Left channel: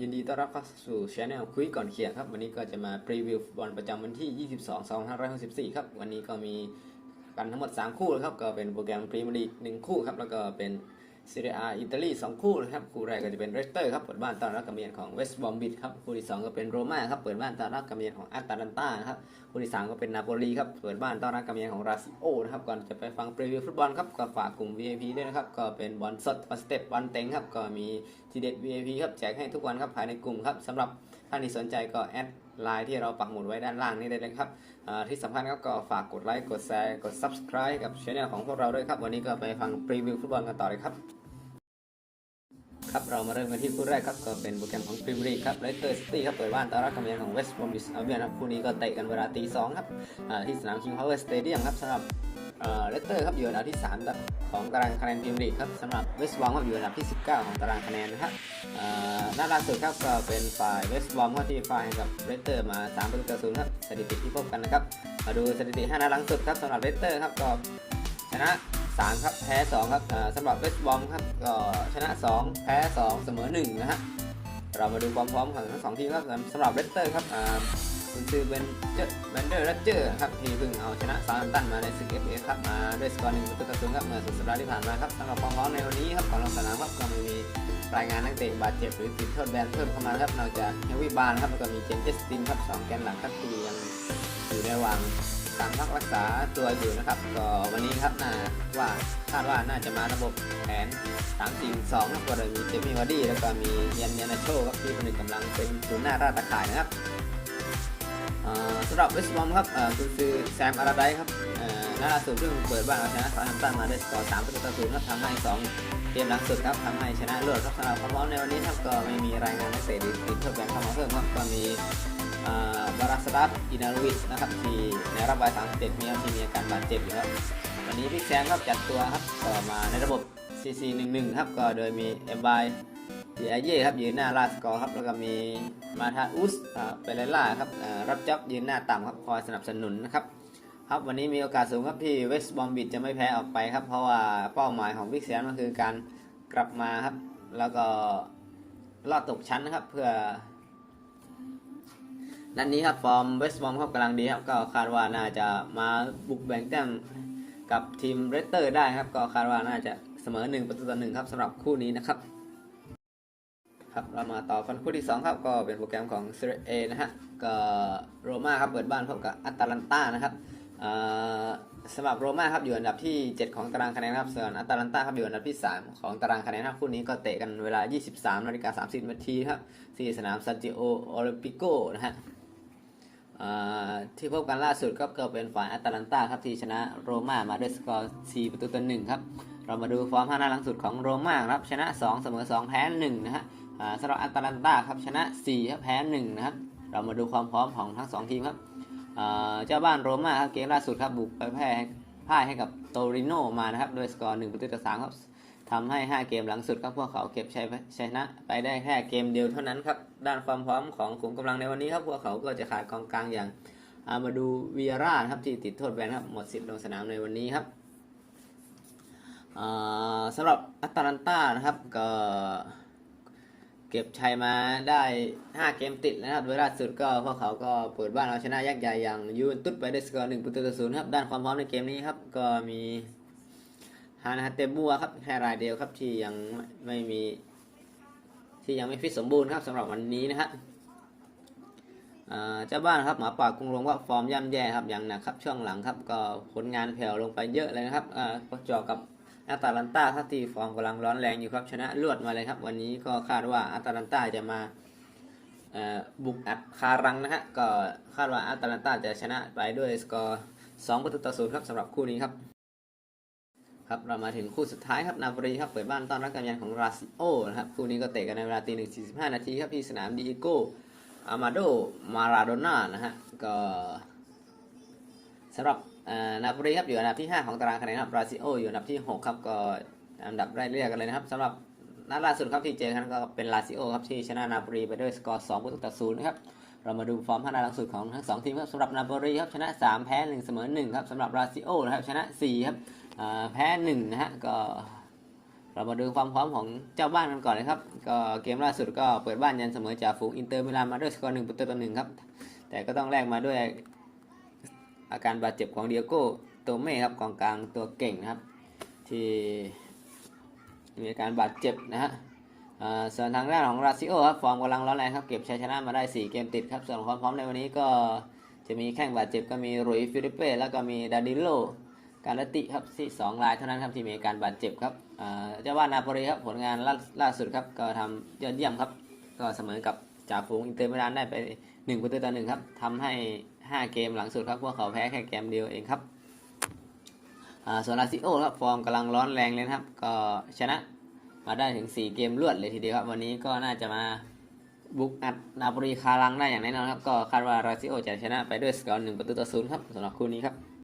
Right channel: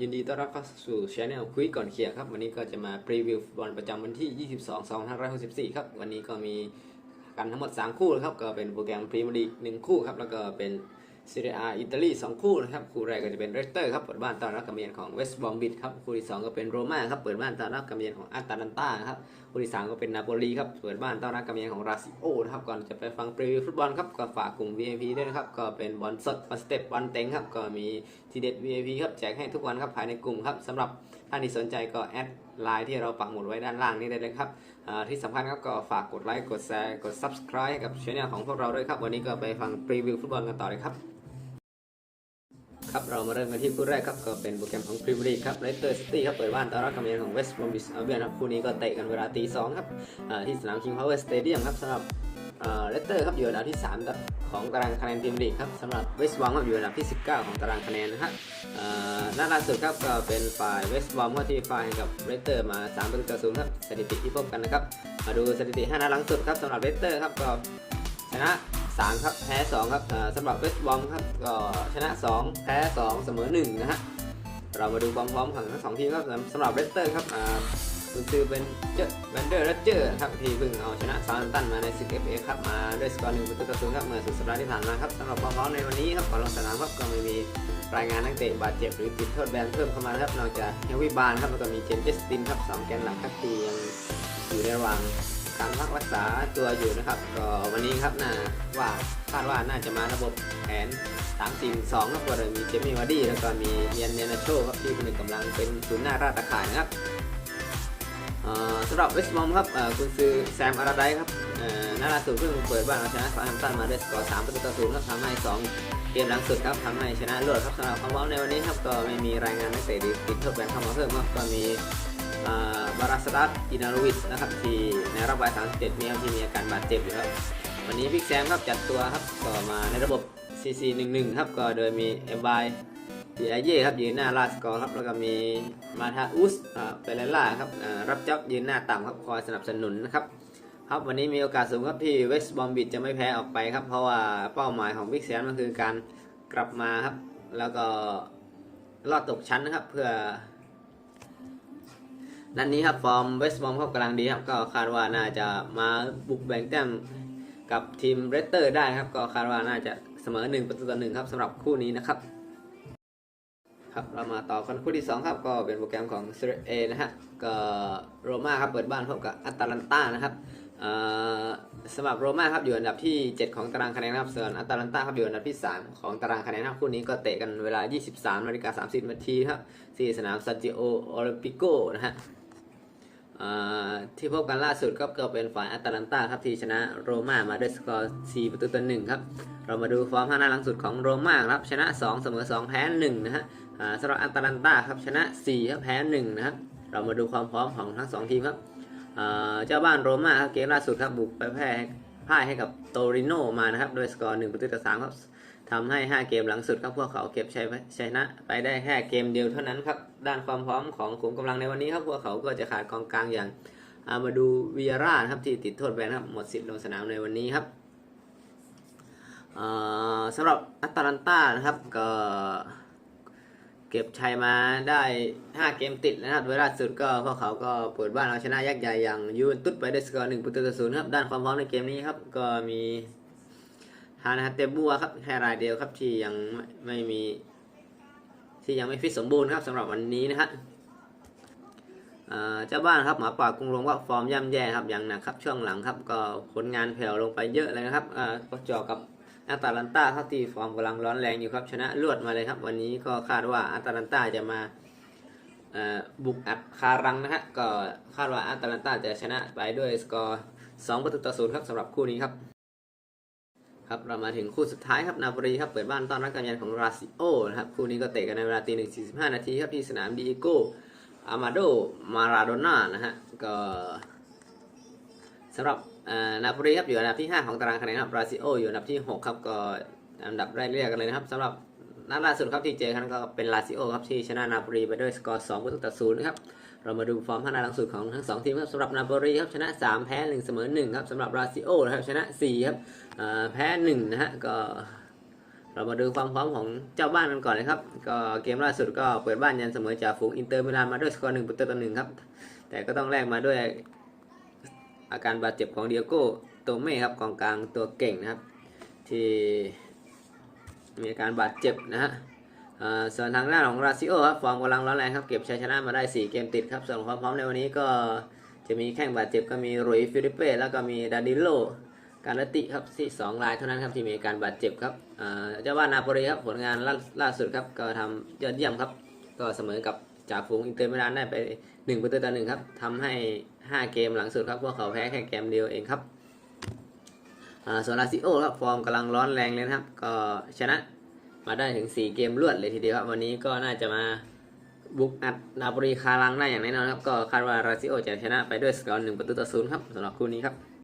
ยินดีต้อนรับเข้าสู่ช anel คุยก่อนเขียร์ครับ วันนี้ก็จะมาพรีวิวฟุตบอลประจำวันที่ 22 2564 ครับ วันนี้ก็มีกันทั้งหมด 3 คู่นะครับ ก็เป็นโปรแกรมพรีเมียร์ลีก1คู่ครับ แล้วก็เป็น ซีเรียอาอิตาลี2คู่นะครับ คู่แรกก็จะเป็นเรสเตอร์ครับเปิดบ้านต้อนรับกำเนียนของเวสต์บอมบิดครับคู่ที่2ก็เป็นโรม่าครับเปิดบ้านต้อนรับกำเนียนของอาตาลันตานะครับคู่ที่3ก็เป็นนาโปลีครับเปิดบ้านต้อนรับกำเนียนของราซิโอนะครับก่อนจะไปฟังพรีวิวฟุตบอลครับก็ฝากกลุ่ม VIP ด้วยนะครับก็เป็นบอลสดบอลสเต็ปบอลเต็งครับก็มีทีเด็ด VIP ครับแจกให้ทุกวันครับภายในกลุ่มครับสำหรับท่านที่สนใจก็แอดไลน์ที่เราปักหมุดไว้ด้านล่างนี้ได้เลยครับที่สำคัญครับก็ฝากกดไลค์กดแชร์กด subscribe ให้กับช่องของพวกเราด้วยครับ วันนี้ก็ไปฟังพรีวิวฟุตบอลกันต่อเลยครับครับเรามาเริ่มกันที่คู่แรกครับก็เป็นโปรแกรมของพรีเมียร์ลีกครับเลสเตอร์ซิตี้ครับเปิดบ้านต้อนรับกำเนิดของเวสต์บรอมบิชอัลเบียนครับคู่นี้ก็เตะกันเวลาตีสองครับที่สนามคิงพาวเวอร์สเตเดียมครับสำหรับ เลสเตอร์ครับอยู่อันดับที่3ครับของตารางคะแนนพรีเมียร์ลีกครับสำหรับเวสต์บอมก็อยู่อันดับที่ 19 ของตารางคะแนนนะครับหน้าล่าสุดครับก็เป็นฝ่ายเวสต์บอมก็ที่ฝ่ายกับเลสเตอร์มา3ประตูต่อศูนย์ครับสถิติที่พบกันนะครับมาดูสถิติ5นัดหลังสุดครับสำหรับเลสเตอร์ครับก็ชนะ3ครับแพ้2ครับสำหรับเวสต์บอมครับก็ชนะ 2 แพ้ 2 เสมอ1นะฮะเรามาดูความพร้อมของทั้งสองทีมครับสำหรับเวสเตอร์ครับ คุณคือเป็นเจอแวนเดอร์และเจอร์ครับที่เพิ่งเอาชนะซาร์ตันมาในศึกเอฟเอครับมาด้วยสกอร์หนึ่งประตูต่อศูนย์ครับเมื่อสุดสัปดาห์ที่ผ่านมาครับสำหรับความพร้อมในวันนี้ครับก่อนลงสนามครับก็ไม่มีรายงานนักเตะบาดเจ็บหรือติดโทษแบนเพิ่มเข้ามาครับนอกจากเฮวิบานครับแล้วก็มีเจนเจสตินครับสองแกนหลักครับที่ยังอยู่ในระหว่างการพักรักษาตัวอยู่นะครับก็วันนี้ครับน่าว่าคาดว่าน่าจะมาระบบแผนสามสี่สองครับก็โดยมีเจมี่วาร์ดี้แล้วก็มีเยนเยนาโชครับที่คนหนึ่งกำลังเป็นศูนย์หน้าราตะข่ายนะครับ สำหรับเวสต์บอมครับคุณซื้อแซมอาราไดครับเอ่อนัดล่าสุดเพิ่งเปิดบ้านเอาชนะซาร์แฮมป์ตันมาด้วยสกอร์สามประตูต่อศูนย์ครับทำให้สองเกมหลังสุดครับทำให้ชนะเลิศครับสำหรับความพร้อมในวันนี้ครับก็ไม่มีรายงานนักเตะหรือติดโทษแบนเข้ามาเพิ่มครับก็มีบาราสตัสอินาลูวิสนะครับที่ในรอบวัย37มีที่มีอาการบาดเจ็บอยู่ครับวันนี้บิ๊กแซมครับจัดตัวครับก็มาในระบบ CC 1 1 ครับก็โดยมีเอ็มบาย ดีไอเย่ครับยืนหน้าลาดสกอร์ครับแล้วก็มีมาทาอุสอ่าเปเรล่าครับรับจ็อบยืนหน้าต่ำครับคอยสนับสนุนนะครับครับวันนี้มีโอกาสสูงครับที่เวสต์บอมบิดจะไม่แพ้ออกไปครับเพราะว่าเป้าหมายของบิ๊กแซมก็คือการกลับมาครับ แล้วก็รอดตกชั้นนะครับ เพื่อนัดนนี้ครับฟอร์มเวสต์บอมครับกำลังดีครับก็คาดว่าน่าจะมาบุกแบ่งแต้มกับทีมเรสเตอร์ได้ครับ ก็คาดว่าน่าจะเสมอ1ประตูต่อหนึ่งครับสำหรับคู่นี้นะครับ ครับเรามาต่อกันคู่ที่ 2 ครับ ก็เป็นโปรแกรมของเซเรเอนะฮะก็โรม่าครับเปิดบ้านพบกับอัตแลนตานะครับสำหรับโรม่าครับอยู่อันดับที่ 7 ของตารางคะแนนครับส่วนอัตแลนตาครับอยู่อันดับที่ 3 ของตารางคะแนนครับคู่นี้ก็เตะกันเวลา 23นาฬิกา30นาทีครับที่สนามซานติโอโอลิมปิโกนะฮะที่พบกันล่าสุดก็เป็นฝ่ายแอตแลนตาครับที่ชนะโรม่ามาด้วยสกอร์4ประตูต่อหนึ่งครับเรามาดูฟอร์มห้านัดหลังสุดของโรม่าครับชนะ 2 เสมอ 2 แพ้1นะฮะ สำหรับแอตแลนตาครับชนะ4ครับแพ้1นะครับเรามาดูความพร้อมของทั้ง 2 ทีมครับเจ้าบ้านโรม่าครับเกมล่าสุดครับบุกไปแพ้พ่ายให้กับโตริโนมานะครับด้วยสกอร์1ประตูต่อ3ครับทำให้ 5 เกมหลังสุดครับพวกเขาเก็บชัยชนะไปได้แค่เกมเดียวเท่านั้นครับด้านความพร้อมของขุมกำลังในวันนี้ครับพวกเขาก็จะขาดกองกลางอย่างอามาดูวีร่าครับที่ติดโทษแบนครับหมดสิทธิ์ลงสนามในวันนี้ครับสำหรับอัตแลนตานะครับก็ เก็บชัยมาได้ 5 เกมติดนะครับโดยล่าสุดก็พวกเขาก็เปิดบ้านเอาชนะยักษ์ใหญ่อย่างยูเวนตุสไปด้วยสกอร์1ประตูต่อศูนย์ครับด้านความพร้อมในเกมนี้ครับก็มีฮานาเตบัวครับแค่รายเดียวครับที่ยังไม่มี ที่ยังไม่ฟิตสมบูรณ์ครับสำหรับวันนี้นะครับเจ้าบ้านครับหมาป่ากรุงลงว่าฟอร์มย่ำแย่ครับอย่างหนักครับช่วงหลังครับก็ผลงานแผ่วลงไปเยอะเลยนะครับอ่าก็เจอกับ อาตาลันตาครับที่ฟอร์มกำลังร้อนแรงอยู่ครับชนะรวดมาเลยครับ วันนี้ก็คาดว่าอาตาลันตาจะมาบุกอัดคารังนะฮะก็คาดว่าอาตาลันตาจะชนะไปด้วยสกอร์2ประตูต่อศูนย์ครับสำหรับคู่นี้ครับครับเรามาถึงคู่สุดท้ายครับนาโปลีครับเปิดบ้านต้อนรับการยันของราซิโอนะครับคู่นี้ก็เตะกันในเวลาตีหนึ่งสี่สิบห้านาทีครับที่สนามดีโกอามาโดมาราโดน่านะฮะก็สำหรับ นาโปลีครับอยู่อันดับที่ 5 ของตารางคะแนนครับบราซิโออยู่อันดับที่ 6 ครับก็อันดับไล่เรียกกันเลยนะครับสำหรับนัดล่าสุดครับที่เจอกันก็เป็นลาซิโอครับที่ชนะนาโปลีไปด้วยสกอร์2ประตูต่อศูนย์นะครับเรามาดูฟอร์มห้านัดหลังสุดของทั้งสองทีมครับสำหรับนาโปลีครับชนะ 3 แพ้ 1 เสมอ1ครับสำหรับลาซิโอนะครับชนะ4ครับแพ้1นะฮะก็เรามาดูความพร้อมของเจ้าบ้านกันก่อนนะครับ ก็เกมล่าสุดก็เปิดบ้านยันเสมอจ่าฝูงอินเตอร์มิลานมาด้วยสกอร์หนึ่งประตูต่อหนึ่งครับ แต่ก็ต้องแลกมาด้วย อาการบาดเจ็บของเดียโก้โตเม่ครับกองกลางตัวเก่งนะครับ ที่มีอาการบาดเจ็บนะฮะส่วนทางด้านของราซิโอครับฟอร์มกำลังร้อนแรงครับเก็บชัยชนะมาได้ 4 เกมติดครับส่วนความพร้อมในวันนี้ก็จะมีแข้งบาดเจ็บก็มีรุยฟิลิเป้แล้วก็มีดานิโลการติครับที่สองรายเท่านั้นครับที่มีอาการบาดเจ็บครับเจ้าบ้านนาโปลีครับผลงานล่าล่าสุดครับก็ทำยอดเยี่ยมครับ ก็เสมอกับจ่าฝูงอินเตอร์มิลานได้ไป1ประตูต่อหนึ่งครับทำให้ 5 เกมหลังสุดครับพวกเขาแพ้แค่เกมเดียวเองครับส่วนลาซิโอครับฟอร์มกำลังร้อนแรงเลยนะครับก็ชนะมาได้ถึง 4 เกมรวดเลยทีเดียวครับวันนี้ก็น่าจะมาบุกอัดนาโปลีคารังได้อย่างแน่นอนครับก็คาดว่าลาซิโอจะชนะไปด้วยสกอร์หนึ่งประตูต่อศูนย์ครับสำหรับคู่นี้ครับ